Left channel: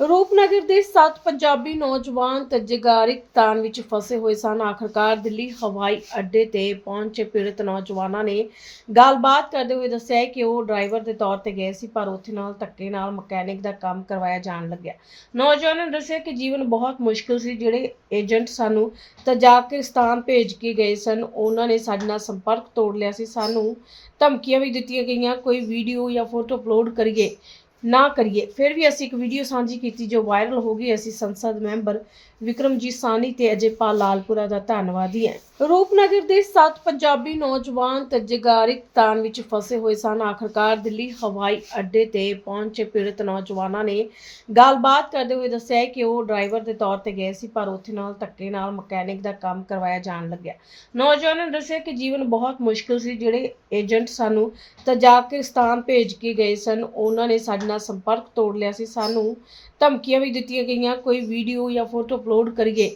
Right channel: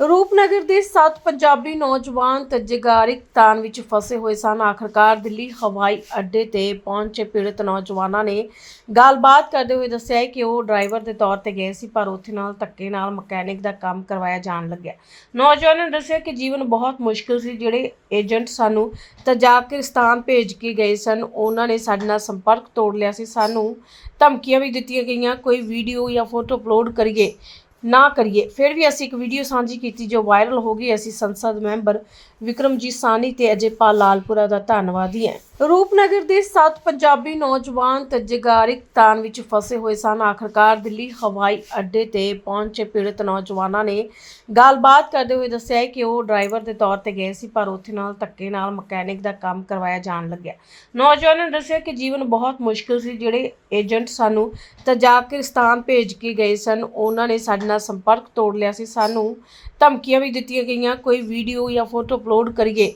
ਰੂਪਨਗਰ ਦੇ ਸੱਤ ਪੰਜਾਬੀ ਨੌਜਵਾਨ ਤਜਗਾਰਿਕ ਤਾਨ ਵਿੱਚ ਫਸੇ ਹੋਏ ਸਨ। ਆਖਰਕਾਰ ਦਿੱਲੀ ਹਵਾਈ ਅੱਡੇ ਤੇ ਪਹੁੰਚੇ ਪੀੜਤ ਨੌਜਵਾਨਾਂ ਨੇ ਗੱਲਬਾਤ ਕਰਦੇ ਹੋਏ ਦੱਸਿਆ ਕਿ ਉਹ ਡਰਾਈਵਰ ਦੇ ਤੌਰ ਤੇ ਗਏ ਸੀ, ਪਰ ਉੱਥੇ ਨਾਲ ਧੱਕੇ ਨਾਲ ਮਕੈਨਿਕ ਦਾ ਕੰਮ ਕਰਵਾਇਆ ਜਾਣ ਲੱਗਿਆ। ਨੌਜਵਾਨਾਂ ਨੇ ਦੱਸਿਆ ਕਿ ਜੀਵਨ ਬਹੁਤ ਮੁਸ਼ਕਲ ਸੀ। ਜਿਹੜੇ ਏਜੰਟ ਸਾਨੂੰ ਤਜਾਕਿਸਤਾਨ ਭੇਜ ਕੇ ਗਏ ਸਨ, ਉਹਨਾਂ ਨੇ ਸਾਡੇ ਨਾਲ ਸੰਪਰਕ ਤੋੜ ਲਿਆ ਸੀ। ਸਾਨੂੰ ਧਮਕੀਆਂ ਵੀ ਦਿੱਤੀਆਂ ਗਈਆਂ, ਕੋਈ ਵੀਡੀਓ ਜਾਂ ਫੋਟੋ ਅਪਲੋਡ ਕਰੀਏ। ਨਾ ਕਰੀਏ। ਫਿਰ ਵੀ ਅਸੀਂ ਇੱਕ ਵੀਡੀਓ ਸਾਂਝੀ ਕੀਤੀ ਜੋ ਵਾਇਰਲ ਹੋ ਗਈ। ਅਸੀਂ ਸੰਸਦ ਮੈਂਬਰ ਵਿਕਰਮਜੀਤ ਸਾਨੀ ਤੇ ਅਜੇਪਾਲ ਲਾਲਪੁਰਾ ਦਾ ਧੰਨਵਾਦੀ ਹੈ। ਰੂਪਨਗਰ ਦੇ ਸੱਤ ਪੰਜਾਬੀ ਨੌਜਵਾਨ ਤਜਗਾਰਿਕ ਤਾਨ ਵਿੱਚ ਫਸੇ ਹੋਏ ਸਨ। ਆਖਰਕਾਰ ਦਿੱਲੀ ਹਵਾਈ ਅੱਡੇ ਤੇ ਪਹੁੰਚੇ ਪੀੜਤ ਨੌਜਵਾਨਾਂ ਨੇ ਗੱਲਬਾਤ ਕਰਦੇ ਹੋਏ ਦੱਸਿਆ ਕਿ ਉਹ ਡਰਾਈਵਰ ਦੇ ਤੌਰ ਤੇ ਗਏ ਸੀ, ਪਰ ਉੱਥੇ ਨਾਲ ਧੱਕੇ ਨਾਲ ਮਕੈਨਿਕ ਦਾ ਕੰਮ ਕਰਵਾਇਆ ਜਾਣ ਲੱਗਿਆ। ਨੌਜਵਾਨਾਂ ਨੇ ਦੱਸਿਆ ਕਿ ਜੀਵਨ ਬਹੁਤ ਮੁਸ਼ਕਲ ਸੀ। ਜਿਹੜੇ ਏਜੰਟ ਸਾਨੂੰ ਤਜਾਕਿਸਤਾਨ ਭੇਜ ਕੇ ਗਏ ਸਨ, ਉਹਨਾਂ ਨੇ ਸਾਡੇ ਨਾਲ ਸੰਪਰਕ ਤੋੜ ਲਿਆ ਸੀ, ਸਾਨੂੰ ਧਮਕੀਆਂ ਵੀ ਦਿੱਤੀਆਂ ਗਈਆਂ, ਕੋਈ ਵੀਡੀਓ ਜਾਂ ਫੋਟੋ ਅਪਲੋਡ ਕਰੀਏ,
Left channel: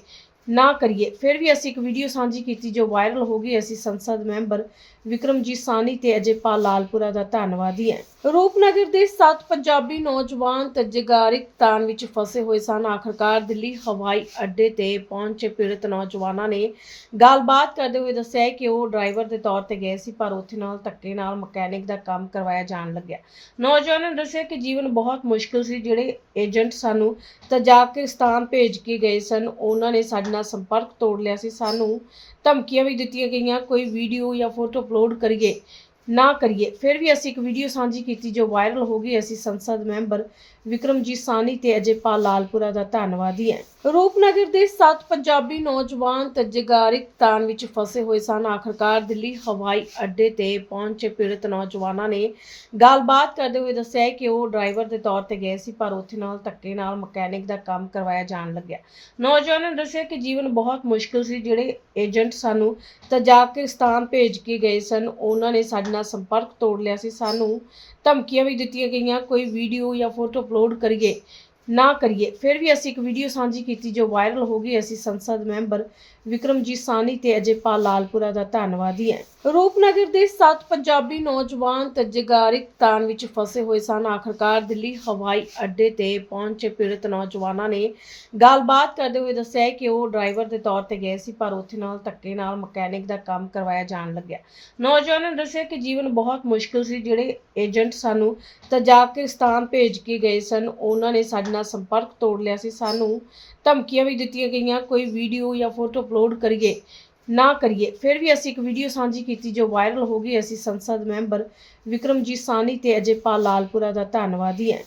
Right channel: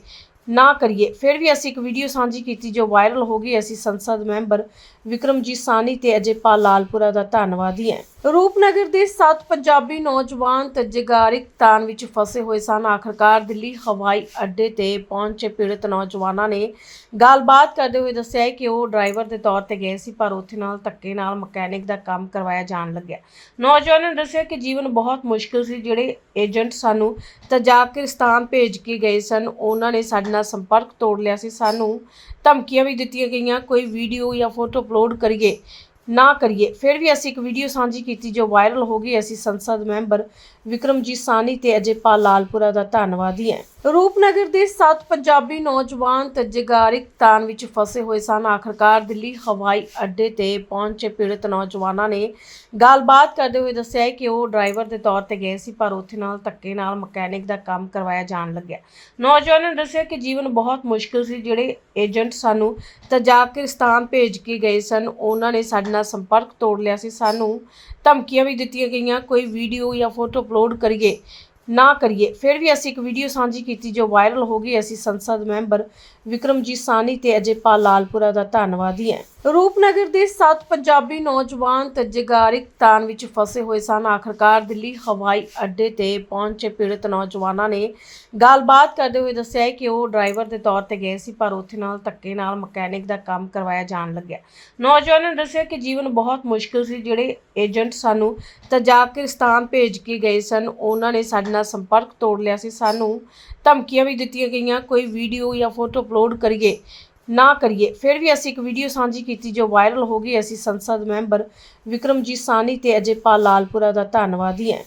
ਨਾ ਕਰੀਏ। ਫਿਰ ਵੀ ਅਸੀਂ ਇੱਕ ਵੀਡੀਓ ਸਾਂਝੀ ਕੀਤੀ ਜੋ ਵਾਇਰਲ ਹੋ ਗਈ, ਅਸੀਂ ਸੰਸਦ ਮੈਂਬਰ ਵਿਕਰਮਜੀਤ ਸਾਨੀ ਤੇ ਅਜੇਪਾਲ ਲਾਲਪੁਰਾ ਦਾ ਧੰਨਵਾਦੀ ਹੈ। ਰੂਪਨਗਰ ਦੇ ਸੱਤ ਪੰਜਾਬੀ ਨੌਜਵਾਨ ਤਜਗਾਰਿਕ ਤਾਨ ਵਿੱਚ ਫਸੇ ਹੋਏ ਸਨ। ਆਖਰਕਾਰ ਦਿੱਲੀ ਹਵਾਈ ਅੱਡੇ ਤੇ ਪਹੁੰਚੇ ਪੀੜਤ ਨੌਜਵਾਨਾਂ ਨੇ ਗੱਲਬਾਤ ਕਰਦੇ ਹੋਏ ਦੱਸਿਆ ਕਿ ਉਹ ਡਰਾਈਵਰ ਦੇ ਤੌਰ ਤੇ ਗਏ ਸੀ, ਪਰ ਉੱਥੇ ਨਾਲ ਧੱਕੇ ਨਾਲ ਮਕੈਨਿਕ ਦਾ ਕੰਮ ਕਰਵਾਇਆ ਜਾਣ ਲੱਗਿਆ। ਨੌਜਵਾਨਾਂ ਨੇ ਦੱਸਿਆ ਕਿ ਜੀਵਨ ਬਹੁਤ ਮੁਸ਼ਕਲ ਸੀ। ਜਿਹੜੇ ਏਜੰਟ ਸਾਨੂੰ ਤਜਾਕਿਸਤਾਨ ਭੇਜ ਕੇ ਗਏ ਸਨ, ਉਹਨਾਂ ਨੇ ਸਾਡੇ ਨਾਲ ਸੰਪਰਕ ਤੋੜ ਲਿਆ ਸੀ। ਸਾਨੂੰ ਧਮਕੀਆਂ ਵੀ ਦਿੱਤੀਆਂ ਗਈਆਂ, ਕੋਈ ਵੀਡੀਓ ਜਾਂ ਫੋਟੋ ਅਪਲੋਡ ਕਰੀਏ। ਨਾ ਕਰੀਏ। ਫਿਰ ਵੀ ਅਸੀਂ ਇੱਕ ਵੀਡੀਓ ਸਾਂਝੀ ਕੀਤੀ ਜੋ ਵਾਇਰਲ ਹੋ ਗਈ। ਅਸੀਂ ਸੰਸਦ ਮੈਂਬਰ ਵਿਕਰਮਜੀਤ ਸਾਨੀ ਤੇ ਅਜੇਪਾਲ ਲਾਲਪੁਰਾ ਦਾ ਧੰਨਵਾਦੀ ਹੈ। ਰੂਪਨਗਰ ਦੇ ਸੱਤ ਪੰਜਾਬੀ ਨੌਜਵਾਨ ਤਜਗਾਰਿਕ ਤਾਨ ਵਿੱਚ ਫਸੇ ਹੋਏ ਸਨ। ਆਖਰਕਾਰ ਦਿੱਲੀ ਹਵਾਈ ਅੱਡੇ ਤੇ ਪਹੁੰਚੇ ਪੀੜਤ ਨੌਜਵਾਨਾਂ ਨੇ ਗੱਲਬਾਤ ਕਰਦੇ ਹੋਏ ਦੱਸਿਆ ਕਿ ਉਹ ਡਰਾਈਵਰ ਦੇ ਤੌਰ ਤੇ ਗਏ ਸੀ, ਪਰ ਉੱਥੇ ਨਾਲ ਧੱਕੇ ਨਾਲ ਮਕੈਨਿਕ ਦਾ ਕੰਮ ਕਰਵਾਇਆ ਜਾਣ ਲੱਗਿਆ। ਨੌਜਵਾਨਾਂ ਨੇ ਦੱਸਿਆ ਕਿ ਜੀਵਨ ਬਹੁਤ ਮੁਸ਼ਕਿਲ ਸੀ। ਜਿਹੜੇ ਏਜੰਟ ਸਾਨੂੰ ਤਜਾਕਿਸਤਾਨ ਭੇਜ ਕੇ ਗਏ ਸਨ, ਉਹਨਾਂ ਨੇ ਸਾਡੇ ਨਾਲ ਸੰਪਰਕ ਤੋੜ ਲਿਆ ਸੀ, ਸਾਨੂੰ ਧਮਕੀਆਂ ਵੀ ਦਿੱਤੀਆਂ ਗਈਆਂ, ਕੋਈ ਵੀਡੀਓ ਜਾਂ ਫੋਟੋ ਅਪਲੋਡ ਕਰੀਏ, ਨਾ ਕਰੀਏ। ਫਿਰ ਵੀ ਅਸੀਂ ਇੱਕ ਵੀਡੀਓ ਸਾਂਝੀ ਕੀਤੀ ਜੋ ਵਾਇਰਲ ਹੋ ਗਈ, ਅਸੀਂ ਸੰਸਦ ਮੈਂਬਰ ਵਿਕਰਮਜੀਤ ਸਾਨੀ ਤੇ ਅਜੇਪਾਲ ਲਾਲਪੁਰਾ ਦਾ ਧੰਨਵਾਦੀ ਹੈ। ਰੂਪਨਗਰ ਦੇ ਸੱਤ ਪੰਜਾਬੀ ਨੌਜਵਾਨ ਤਜਗਾਰਿਕ ਤਾਨ ਵਿੱਚ ਫਸੇ ਹੋਏ ਸਨ। ਆਖਰਕਾਰ ਦਿੱਲੀ ਹਵਾਈ ਅੱਡੇ ਤੇ ਪਹੁੰਚੇ ਪੀੜਤ ਨੌਜਵਾਨਾਂ ਨੇ ਗੱਲਬਾਤ ਕਰਦੇ ਹੋਏ ਦੱਸਿਆ ਕਿ ਉਹ ਡਰਾਈਵਰ ਦੇ ਤੌਰ ਤੇ ਗਏ ਸੀ, ਪਰ ਉੱਥੇ ਨਾਲ ਧੱਕੇ ਨਾਲ ਮਕੈਨਿਕ ਦਾ ਕੰਮ ਕਰਵਾਇਆ ਜਾਣ ਲੱਗਿਆ। ਨੌਜਵਾਨਾਂ ਨੇ ਦੱਸਿਆ ਕਿ ਜੀਵਨ ਬਹੁਤ ਮੁਸ਼ਕਲ ਸੀ। ਜਿਹੜੇ ਏਜੰਟ ਸਾਨੂੰ ਤਜਾਕਿਸਤਾਨ ਭੇਜ ਕੇ ਗਏ ਸਨ, ਉਹਨਾਂ ਨੇ ਸਾਡੇ ਨਾਲ ਸੰਪਰਕ ਤੋੜ ਲਿਆ ਸੀ। ਸਾਨੂੰ ਧਮਕੀਆਂ ਵੀ ਦਿੱਤੀਆਂ ਗਈਆਂ, ਕੋਈ ਵੀਡੀਓ ਜਾਂ ਫੋਟੋ ਅਪਲੋਡ ਕਰੀਏ। ਨਾ ਕਰੀਏ। ਫਿਰ ਵੀ ਅਸੀਂ ਇੱਕ ਵੀਡੀਓ ਸਾਂਝੀ ਕੀਤੀ ਜੋ ਵਾਇਰਲ ਹੋ ਗਈ। ਅਸੀਂ ਸੰਸਦ ਮੈਂਬਰ ਵਿਕਰਮਜੀਤ ਸਾਨੀ ਤੇ ਅਜੇਪਾਲ ਲਾਲਪੁਰਾ ਦਾ ਧੰਨਵਾਦੀ ਹੈ।